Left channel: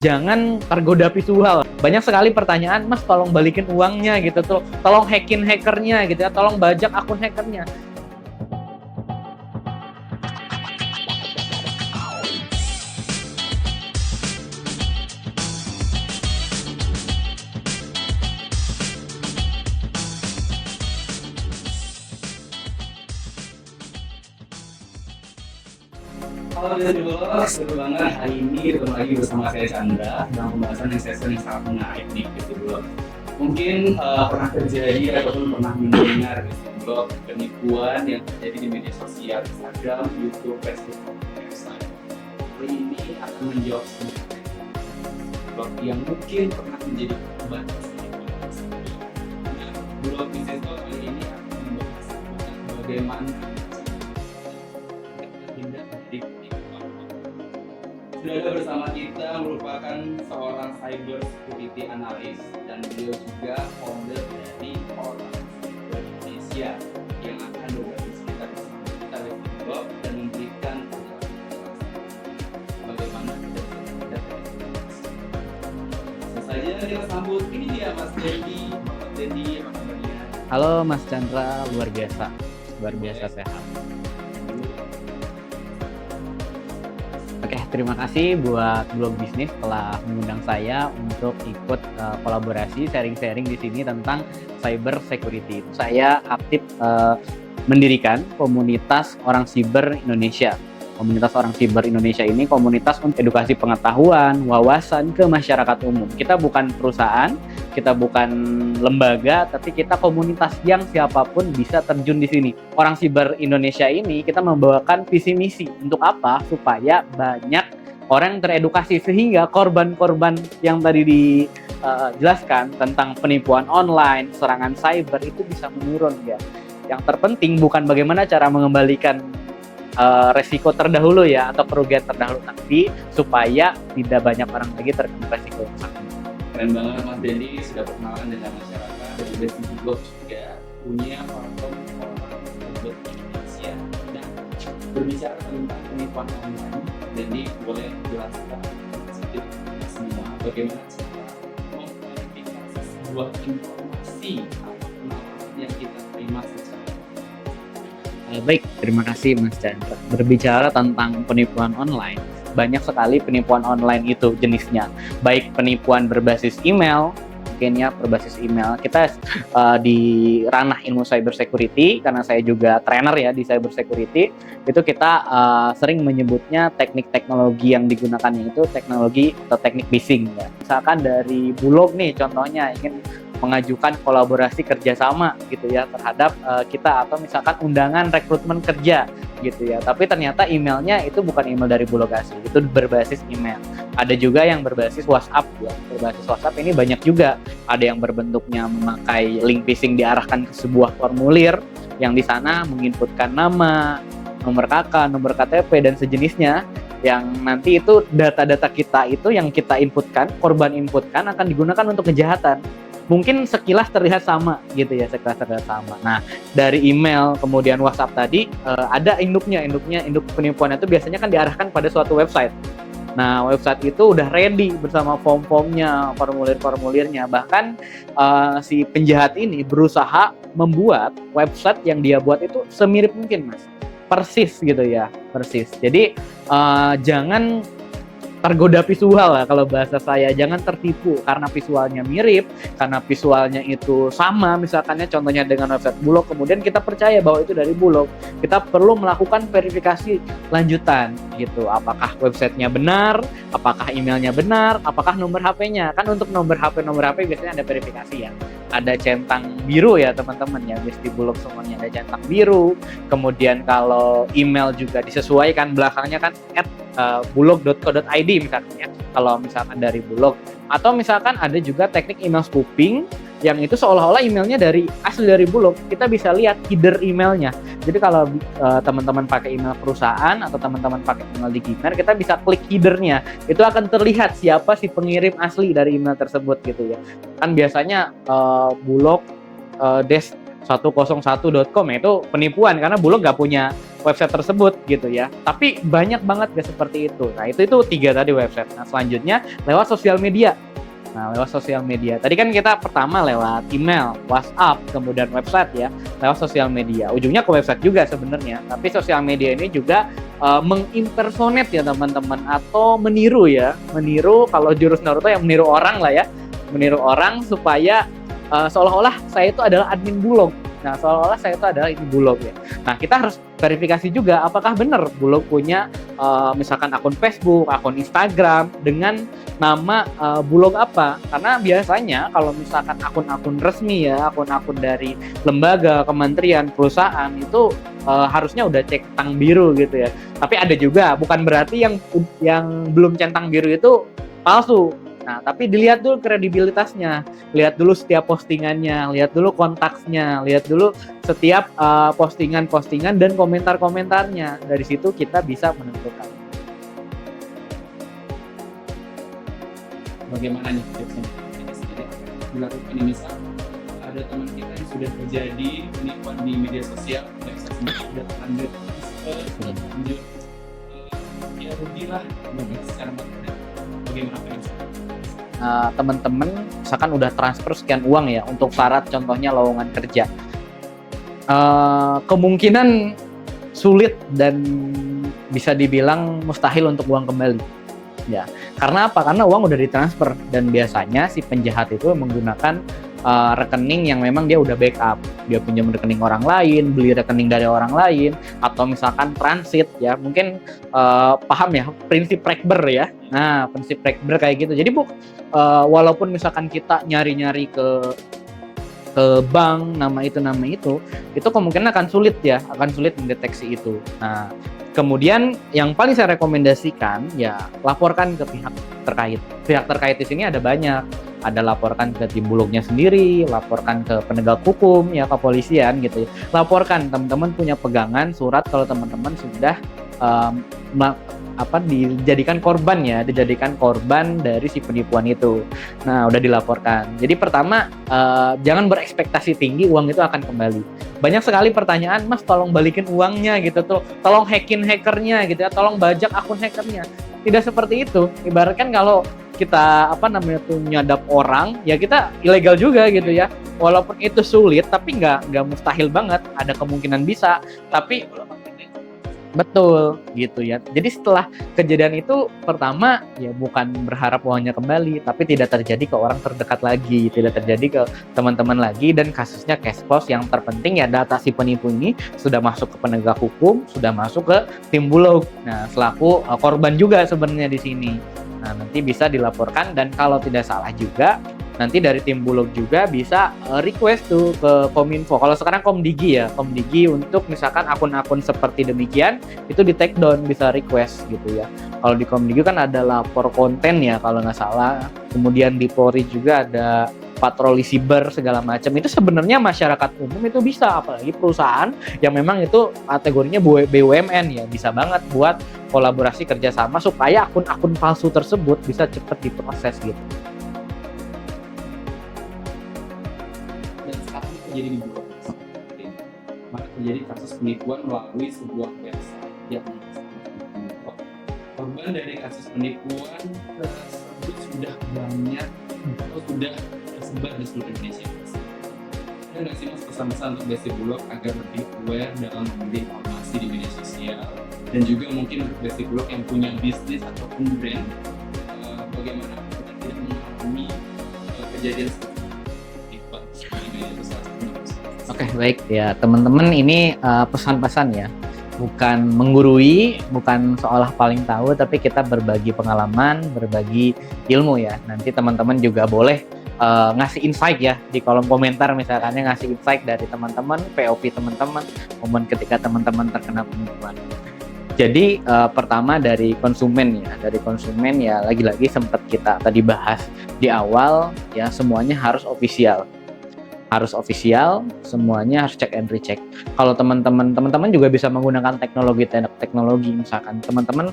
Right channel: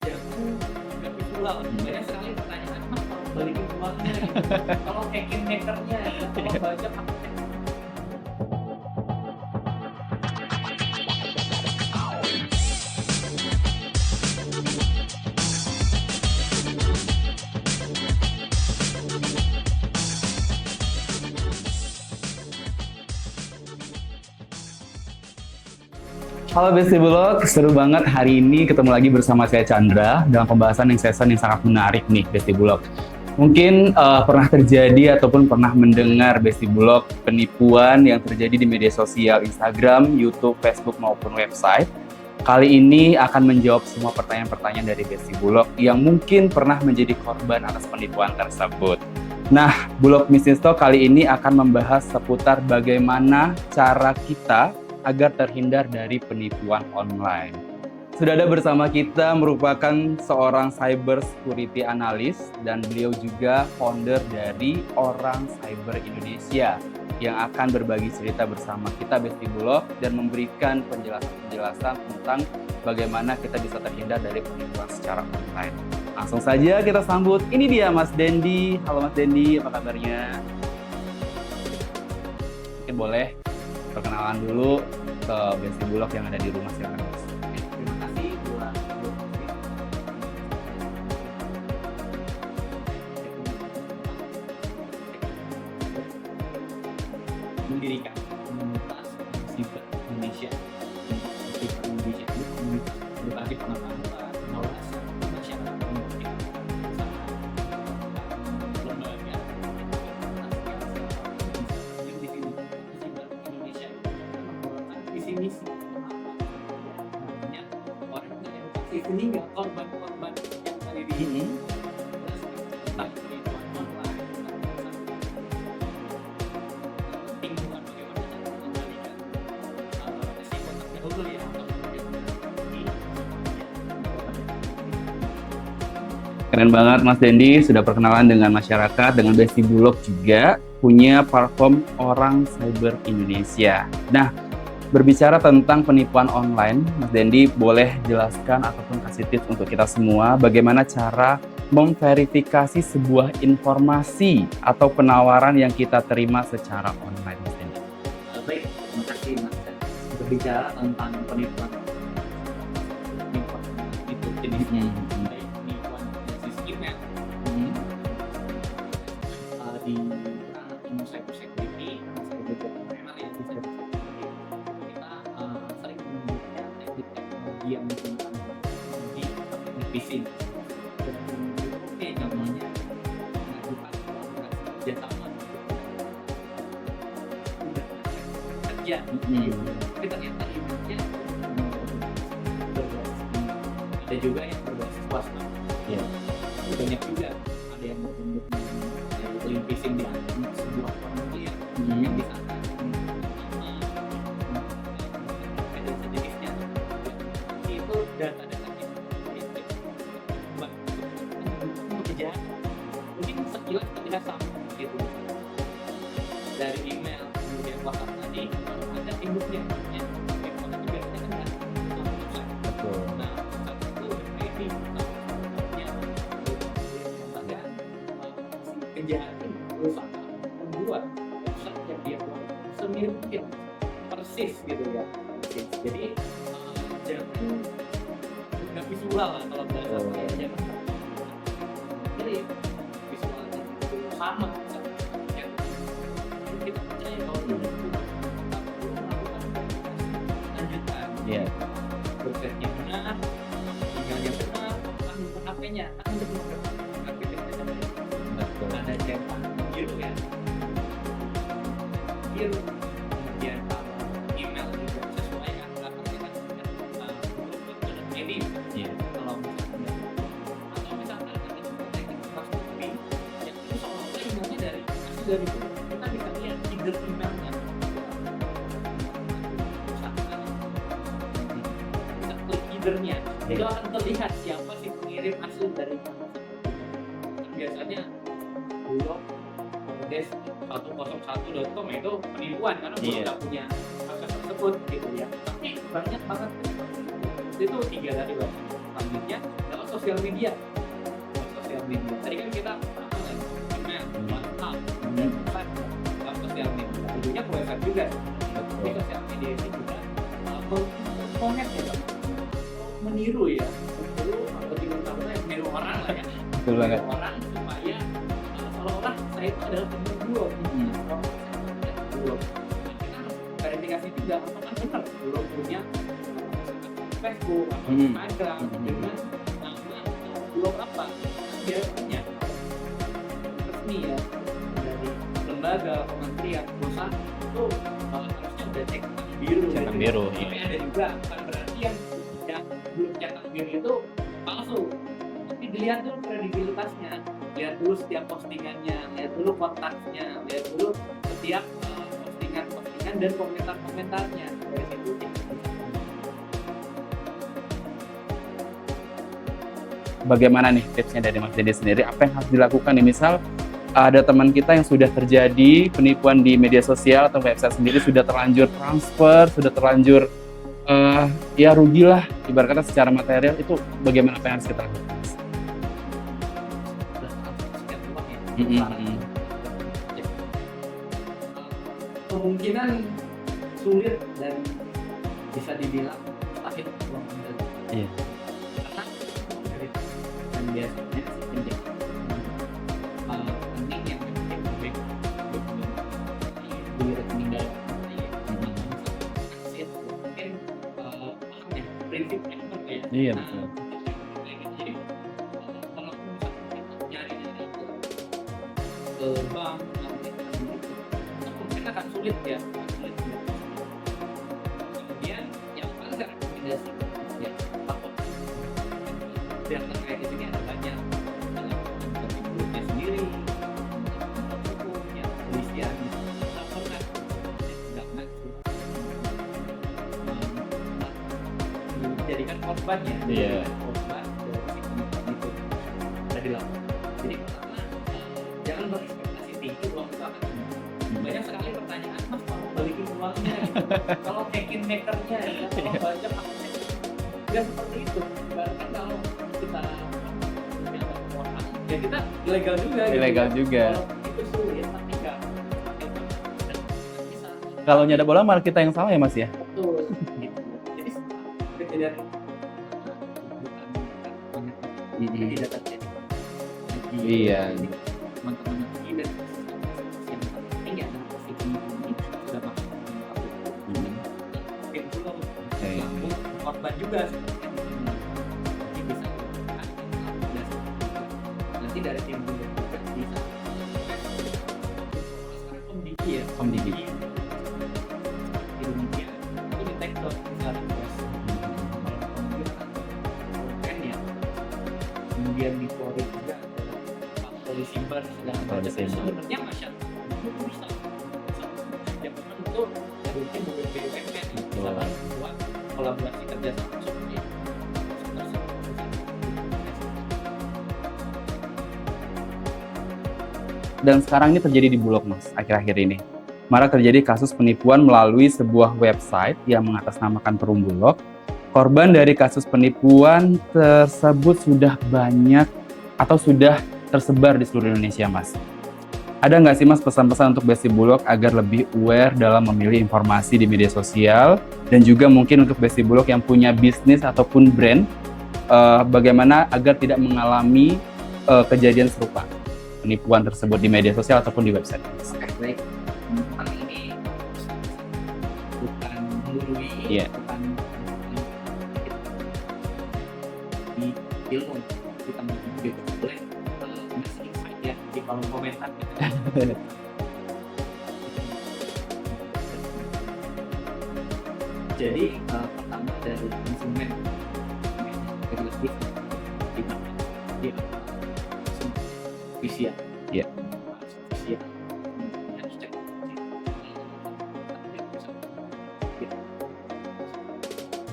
Jangan tergoda visual. Banyak sekali pertanyaan, "Mas tolong balikin uangnya," gitu, "Tolong hackin hackernya," gitu ya, "Tolong bajak akun hackernya." Halo Besti Bulog, seru banget hari ini ketemu lagi bersama saya Chandra dalam pembahasan yang sangat menarik nih Besti Bulog. Mungkin pernah terjadi ataupun pernah mendengar Besti Bulog penipuan yang terjadi di media sosial Instagram, YouTube, Facebook maupun website. Kali ini akan menjawab semua pertanyaan-pertanyaan dari Besti Bulog yang mungkin pernah menjadi korban atas penipuan tersebut. Nah, Bulog Business Talk kali ini akan membahas seputar bagaimana cara kita agar terhindar dari penipuan online. Sudah ada bersama kita merupakan seorang cyber security analyst dan beliau juga founder dari Orang Cyber Indonesia yang akan berbagi cerita bersama kita Besti Bulog dan memberikan penjelasan tentang bagaimana kita bisa terhindar dari penipuan secara online. Langsung saja kita sambut, ini dia Mas Dendi. Halo Mas Dendi, apa kabarnya? Halo Mas Chandra, luar biasa. Boleh Sehat. perkenalan dulu ke Besti Bulog yang ada di rumah saya. Oke, terima kasih buat Bulog Bisnis telah mengundang saya untuk ikut kolaborasi sharing-sharing di sini tentang cyber security. Saya aktif mendirikan komunitas Orang Siber Indonesia. Komunitas Orang Siber Indonesia ini komunitas untuk edukasi pengetahuan, wawasan ke masyarakat umum. Kita bukan perusahaan, kita bukan lembaga, tapi kita komunitas yang siapapun bisa terjun di sini. Orang Siber Indonesia ini kita membawakan visi misi untuk apa? Supaya banyak orang yang teredukasi sehingga korban-korban yang tadi dijelaskan tentang penipuan online, serangan cyber itu bisa menurun ya. Yang terpenting bukan bagaimana cara mengembalikan resiko terdahulu ya atau kerugian terdahulu, tapi supaya tidak banyak orang lagi terkena resiko. Keren banget Mas Dendi, sudah perkenalan dengan masyarakat, dengan Besti Bulog juga punya platform Orang Cyber Indonesia. Nah, berbicara tentang penipuan online, Mas Dendi boleh jelaskan ataupun kasih tips untuk kita semua bagaimana cara memverifikasi sebuah informasi atau penawaran yang kita terima secara online. Baik, terima kasih Mas Chandra. Berbicara tentang penipuan online, banyak sekali penipuan online itu jenisnya. Baik penipuan berbasis email, mungkin ya berbasis email. Kita di ranah ilmu cyber security, karena saya juga trainer ya di cyber security, itu kita sering menyebutnya teknik teknologi yang digunakan itu teknologi atau teknik phishing ya. Misalkan dari Bulog nih contohnya ingin mengajukan kolaborasi kerjasama gitu ya terhadap kita, atau misalkan undangan rekrutmen kerja gitu ya, tapi ternyata emailnya itu bukan email dari Bulog asli, itu berbasis email. Ada juga yang berbasis WhatsApp ya, berbasis WhatsApp ini banyak juga, ada yang berbentuknya memakai link phishing diarahkan ke sebuah formulir yang di sana menginputkan nama, nomor KK, nomor KTP dan sejenisnya, yang nanti itu data-data kita itu yang kita inputkan, korban inputkan akan digunakan untuk kejahatan. Mungkin sekilas terlihat sama gitu ya, sekilas terlihat sama. Nah, dari email kemudian WhatsApp tadi ada induk penipuan itu biasanya kan diarahkan pada suatu website. Nah, website itu udah ready bersama form-formnya, formulir-formulirnya. Bahkan si penjahat ini berusaha membuat website yang dia buat itu semirip mungkin, Mas. Persis gitu ya, persis. Jadi jangan tergoda visual lah kalau bahasa saya, jangan tertipu karena visualnya mirip, karena visualnya itu sama, misalkannya contohnya dengan website Bulog, kemudian kita percaya bahwa itu dari Bulog. Kita perlu melakukan verifikasi lanjutan gitu, apakah websitenya benar, apakah emailnya benar, apakah nomor HP-nya. Kan untuk nomor HP biasanya ada verifikasi ya, ada centang biru ya teman-teman ya, di Bulog semuanya ada centang biru. Kemudian kalau email juga disesuaikan, belakangnya kan @bulog.co.id misalnya kalau misalkan dari Bulog, atau misalkan ada juga teknik email spoofing yang itu seolah-olah emailnya asli dari Bulog. Kita bisa lihat header emailnya. Jadi kalau teman-teman pakai email perusahaan atau teman-teman pakai email di Gmail, kita bisa klik headernya, itu akan terlihat siapa si pengirim asli dari email tersebut gitu ya. Kan biasanya Bulog 101.com ya, itu penipuan karena Bulog nggak punya website tersebut gitu ya. Tapi banyak banget gak seperti itu. Nah itu 3 tadi website. Nah selanjutnya lewat sosial media. Nah lewat sosial media. Tadi kan kita pertama lewat email, WhatsApp, kemudian website ya. Lewat sosial media. Ujungnya ke website juga sebenarnya. Tapi sosial media ini juga mengimpersonate ya teman-teman, atau meniru ya. Meniru, kalau jurus Naruto yang meniru orang lah ya. Meniru orang supaya seolah-olah saya itu adalah admin Bulog. Nah, seolah-olah saya itu adalah admin Bulog ya. Nah, kita harus verifikasi juga apakah benar Bulog punya misalkan akun Facebook, akun Instagram dengan nama Bulog apa. Karena biasanya kalau misalkan akun-akun resmi ya, akun-akun dari lembaga, kementerian, perusahaan itu harusnya udah centang biru gitu ya. Tapi ada juga, bukan berarti yang belum centang biru itu palsu. Nah, tapi dilihat dulu kredibilitasnya, lihat dulu setiap postingannya, lihat dulu kontaksnya, lihat dulu setiap postingan-postingan dan komentar-komentarnya. Dari situ kita bisa menentukan. Bagaimana nih tipsnya dari Mas Dede sendiri? Apa yang harus dilakukan nih? Misal ada teman kita yang sudah terjadi penipuan di media sosial atau website sendiri, sudah terlanjur transfer, sudah terlanjur ya rugilah ibaratnya secara material, itu bagaimana apa yang harus kita lakukan? Teman-teman misalkan udah transfer sekian uang ya untuk syarat contohnya lowongan kerja, kemungkinan sulit dan bisa dibilang mustahil untuk uang kembali. Ya, karena apa? Karena uang udah ditransfer dan biasanya si penjahat itu menggunakan rekening yang memang dia udah backup. Dia pinjam rekening orang lain, beli rekening dari orang lain, atau misalkan transit ya. Mungkin paham ya prinsip Rekber ya. Iya. Nah, prinsip Rekber kayak gitu. Jadi walaupun misalkan kita nyari-nyari ke bank nama itu kemungkinan akan sulit mendeteksi itu. Nah, kemudian yang paling saya rekomendasikan ya laporkan ke pihak terkait. Pihak terkait di sini ada banyak. Ada laporkan ke tim Bulognya sendiri, laporkan ke penegak hukum ya, kepolisian gitu. Laporkan, teman-teman punya pegangan surat kalau teman-teman sudah dijadikan korban ya, dijadikan korban dari si penipuan itu. Nah, udah dilaporkan. Jadi pertama jangan berekspektasi tinggi uang itu akan kembali. Banyak sekali pertanyaan, Mas tolong balikin uangnya gitu, tolong hackin hackernya gitu ya, tolong bajak akun hackernya. Tidak seperti itu. Ibaratkan kalau kita nyadap orang, ya kita ilegal juga gitu ya. Walaupun itu sulit, tapi nggak mustahil banget. Ada kemungkinan bisa. Kalau nyadap orang malah kita yang salah ya Mas ya. Betul, gitu ya. Jadi setelah kejadian itu, pertama ya bukan berharap uangnya kembali, tapi tidak terjadi ke orang terdekat lagi, tidak terjadi ke teman-teman lagi, dan kasusnya cash close. Yang terpenting ya data si penipu ini sudah masuk ke penegak hukum, sudah masuk ke tim Bulog. Nah, selaku korban juga sebenarnya di sini. Nah, nanti bisa dilaporkan, dan kalau tidak salah juga nanti dari tim Bulog juga bisa request tuh ke Kominfo. Kalau sekarang Komdigi ya, Komdigi untuk misalkan akun-akun seperti demikian itu di take down, bisa request gitu ya. Kalau di Komdigi kan ada lapor konten ya kalau nggak salah. Kemudian di Polri juga ada patroli siber segala macam. Itu sebenarnya masyarakat umum itu bisa, apalagi perusahaan yang memang itu kategorinya BUMN ya, bisa banget buat kolaborasi kerjasama supaya akun-akun palsu tersebut bisa cepat diproses gitu. Dan sekarang ini terjadi di Bulog Mas, akhir-akhir ini. Malah terjadi kasus penipuan melalui sebuah website yang mengatasnamakan Perum Bulog. Korban dari kasus penipuan tersebut sudah banyak atau sudah tersebar di seluruh Indonesia Mas. Ada nggak sih Mas pesan-pesan untuk Besti Bulog agar lebih aware dalam memilih informasi di media sosial, dan juga mungkin untuk Besti Bulog yang punya bisnis ataupun brand, bagaimana agar tidak mengalami kejadian serupa penipuan tersebut di media sosial ataupun di website? Oke, baik ya teman-teman, ini pesan-pesan ya, bukan menggurui, bukan seolah paling tahu, tapi kita berbagi pengalaman, berbagi ilmu ya. Nanti teman-teman juga boleh ngasih insight ya di kolom komentar, misalnya ngasih insight dari teman-teman, POV teman-teman, momen ketika teman-teman terkena penipuan. Jadi pertama dari konsumen ya, lagi-lagi sempat kita tadi bahas di awal ya, semuanya harus official ya. Harus official, semuanya harus check and recheck. Kalau teman-teman juga bisa menggunakan teknologi misalkan teman-teman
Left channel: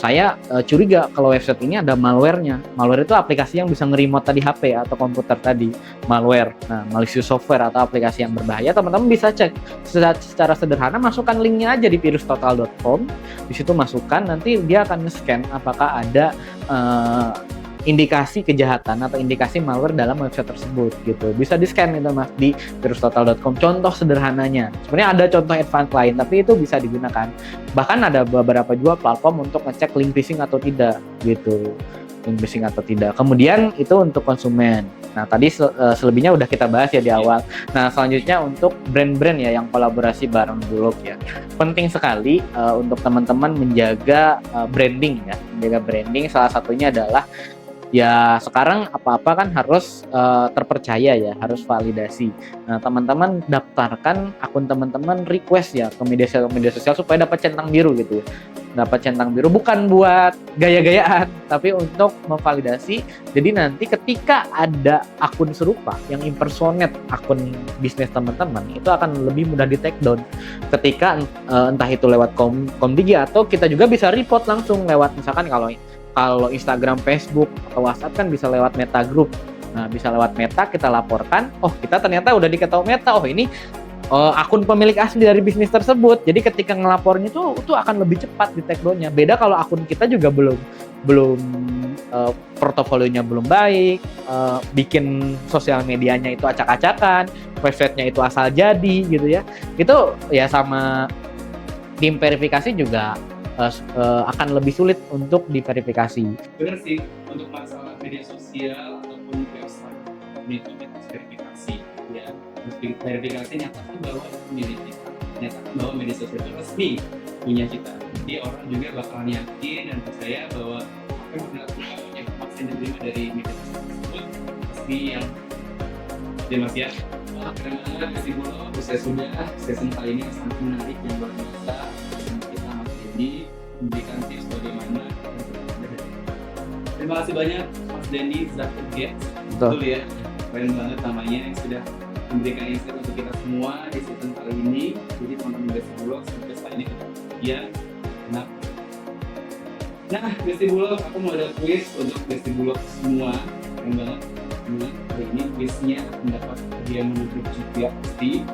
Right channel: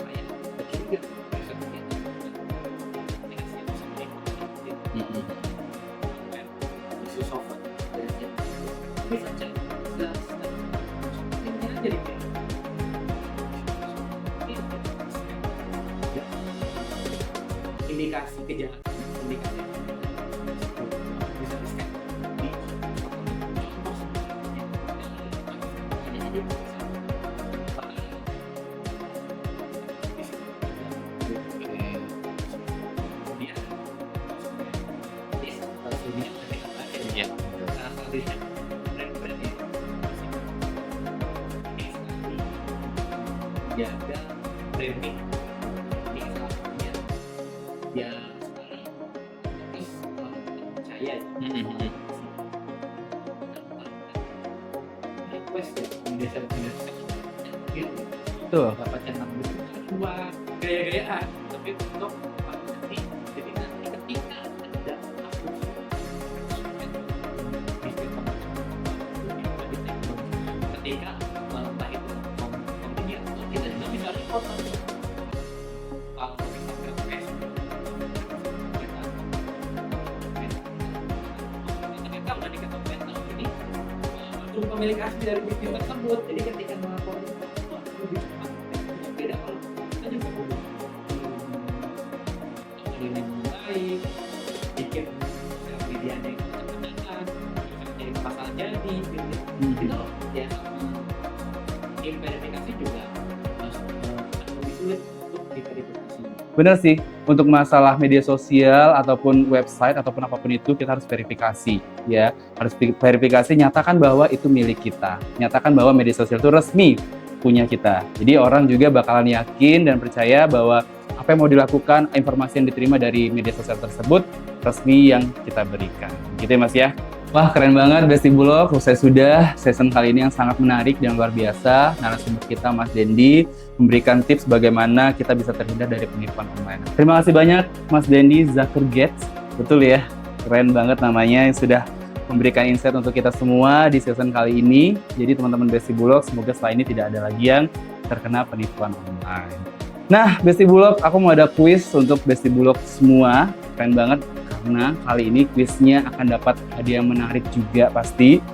saya curiga kalau website ini ada malware-nya. Malware itu aplikasi yang bisa nge-remote tadi HP atau komputer tadi, malware. Nah, malicious software atau aplikasi yang berbahaya, teman-teman bisa cek secara sederhana, masukkan linknya aja di virustotal.com. Di situ masukkan, nanti dia akan nge-scan apakah ada indikasi kejahatan atau indikasi malware dalam website tersebut gitu. Bisa di-scan itu Mas di virustotal.com. Contoh sederhananya. Sebenarnya ada contoh advance lain tapi itu bisa digunakan. Bahkan ada beberapa juga platform untuk ngecek link phishing atau tidak gitu. Link phishing atau tidak. Kemudian itu untuk konsumen. Nah, tadi selebihnya udah kita bahas ya di awal. Nah, selanjutnya untuk brand-brand ya yang kolaborasi bareng Bulog ya. Penting sekali untuk teman-teman menjaga branding ya. Menjaga branding salah satunya adalah ya sekarang apa-apa kan harus terpercaya ya, harus validasi. Nah, teman-teman daftarkan akun teman-teman, request ya ke media sosial supaya dapat centang biru gitu. Betul. Dapat centang biru bukan buat gaya-gayaan, tapi untuk memvalidasi. Jadi nanti ketika ada akun serupa yang impersonate akun bisnis teman-teman, itu akan lebih mudah di take down. Ketika entah itu lewat Komdigi atau kita juga bisa report langsung lewat misalkan kalau Instagram, Facebook, atau WhatsApp kan bisa lewat Meta Group. Nah, bisa lewat Meta kita laporkan, oh kita ternyata udah diketahui Meta, oh ini akun pemilik asli dari bisnis tersebut. Jadi ketika ngelapornya itu akan lebih cepat di take down-nya. Beda kalau akun kita juga belum portofolionya belum baik, bikin sosial medianya itu acak-acakan, websitenya itu asal jadi gitu ya. Itu ya sama tim verifikasi juga akan lebih sulit untuk diverifikasi. Bener sih, untuk masalah media sosial ataupun website ataupun apapun itu kita harus verifikasi ya. Harus verifikasi, nyatakan bahwa itu milik kita. Nyatakan bahwa media sosial itu resmi punya kita. Jadi orang juga bakalan yakin dan percaya bahwa apa yang mau dilakukan, informasi yang diterima dari media sosial tersebut resmi yang kita berikan. Gitu ya Mas ya. Wah, keren banget Besti Bulog. Selesai sudah season kali ini yang sangat menarik dan luar biasa. Narasumber kita Mas Dendi memberikan tips bagaimana kita bisa terhindar dari penipuan online. Terima kasih banyak Mas Dendi Zakurgets. Betul ya, keren banget namanya yang sudah memberikan insight untuk kita semua di season kali ini. Jadi teman-teman Besti Bulog, semoga setelah ini tidak ada lagi yang terkena penipuan online. Nah, Besti Bulog, aku mau ada kuis untuk Besti Bulog semua. Keren banget. Karena kali ini kuisnya akan dapat hadiah yang menarik juga pasti.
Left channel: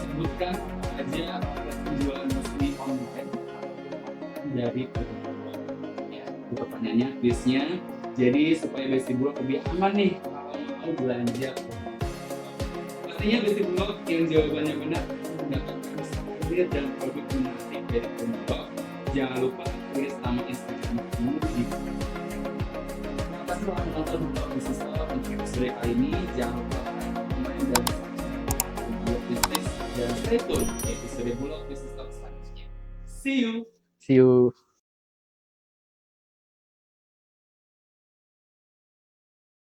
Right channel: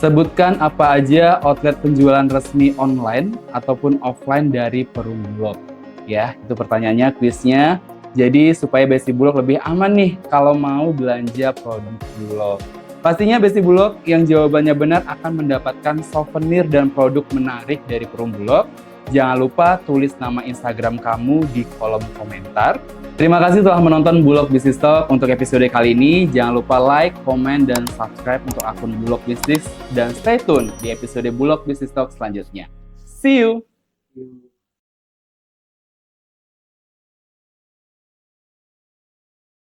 Sebutkan apa aja outlet penjualan resmi online ataupun offline dari Perum Bulog. Ya, itu pertanyaannya kuisnya. Jadi supaya Besti Bulog lebih aman nih kalau mau belanja produk Bulog. Pastinya Besti Bulog yang jawabannya benar akan mendapatkan souvenir dan produk menarik dari Perum Bulog. Jangan lupa tulis nama Instagram kamu di kolom komentar. Terima kasih telah menonton Bulog Business Talk untuk episode kali ini. Jangan lupa like, komen, dan subscribe untuk akun Bulog Business. Dan stay tune di episode Bulog Business Talk selanjutnya. See you! See you!